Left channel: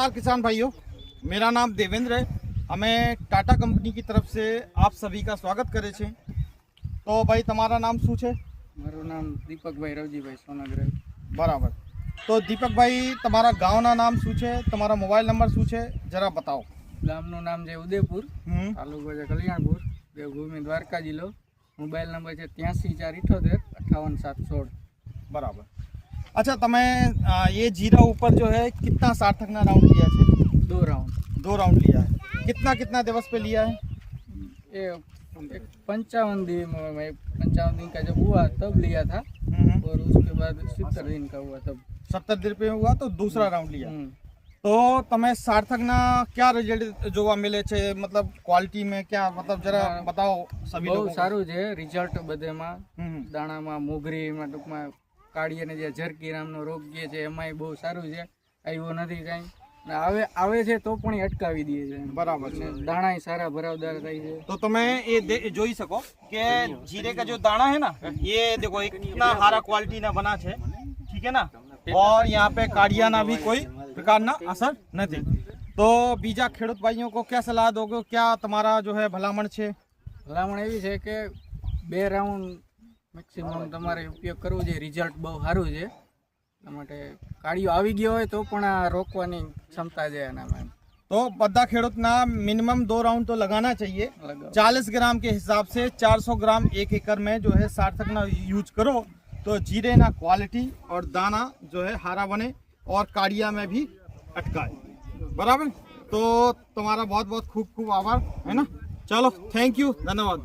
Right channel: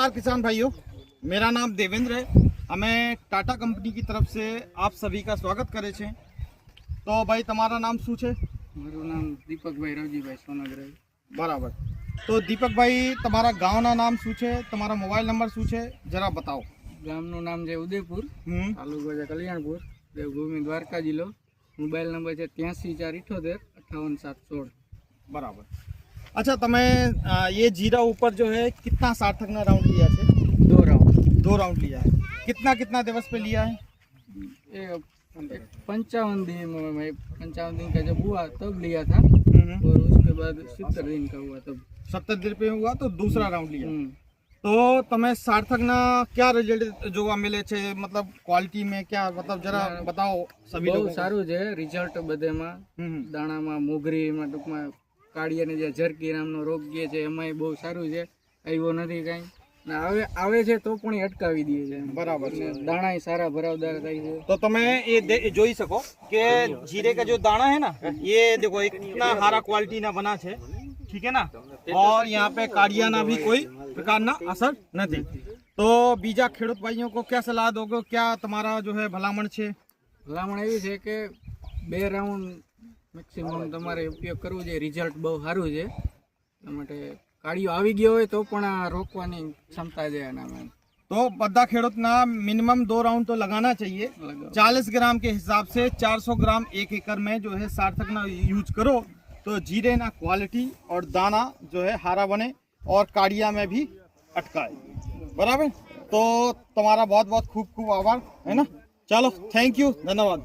नमस्कार किसान भाइयों, मेरा नाम देवेंद्र है। हमें टाटा कंपनी की तरफ से आप सभी का स्वागत करे छे। तो भाई તમારા નામ શું છે? મારું નામ દીપકભાઈ રવજીભાઈ સોનાગ્રહી. બરાબર. તો દીપકભાઈ તમારા ગામના નામ શું છે, તમારા મોબાઈલ નંબર શું છે, જરા બતાવો. ગામનું નામ છે ઉદયપુર, તાલુકો છે કલ્યાણપુર, દેવભૂમિ દ્વારકા જિલ્લો. મોબાઈલ નંબર છે 83 478 58 716. बराबर. अच्छा, तमें ये जीरा ऊपर जो है कितना सार्थक ना राउंड लिया है? 2 राउंड. 2 राउंड लिया है. कितना कितना दिवस पे लिया है? ये 55 दिन 55 दिन का जब हुआ तब लिया था, और उसके बाद 70 दिन का हुआ तब. 70 दिन पे हुआ तो दूसरा राउंड लिया. तो तमें सार्थक ना क्या रिजल्ट જોવા मिले छे, मतलब क्वालिटी में क्या, मतलब जरा बताओ सभी लोगों को. સારું છે રિઝલ્ટ બધેમાં, દાણામાં, મોગરીમાં, ટૂંકમાં કાળિયાને જે ઝરકી નામનો રોગ જે છે એમાંય બહુ સારું છે. આવ્યો નથી કાંઈ, ને આવે છે તો પણ એ અટકાવી દે છે. बराबर. દાણાય સારા ભરાવદાર થાય છે. तो तुम्हें ये જોઈ શકો કે जीरे का जो दाना है ना, ये देखो इतना हारा क्वालिटी ना बना है, ठीक है ना, और यहाँ पे काड़िया ना भी कोई प्रकार ना असर नहीं. तो बीजा खेडूत भाइयों को क्या सलाह दोगे, क्या तुम्हारा जो है भलामण છે? ભલામણ એવી છે કે 2 રાઉન્ડ મેક્સિમમ તમારે ઉપયોગ કરવો જોઈએ. રિઝલ્ટ બહુ સારું છે. એટલા માટે કાળિયો આવી ગયો હોય તો પણ આ રોકવાની ક્ષમતા છે એનામાં. तो बद्दा खेडूत ना मिनिमम 2 राउंड तो लगाना चाहिए. 40 ग्राम के हिसाब से 400 ग्राम 1 एकड़ में जो है सार्थक ना यूज करो तो जीरे ना क्वालिटी और दाना जो है हारा बने और काड़िया में भी अटकाए. बराबर. तो तुम्हारा बहुत बहुत खूब खूब आभार, है ना. चलो, थैंक यू, धन्यवाद.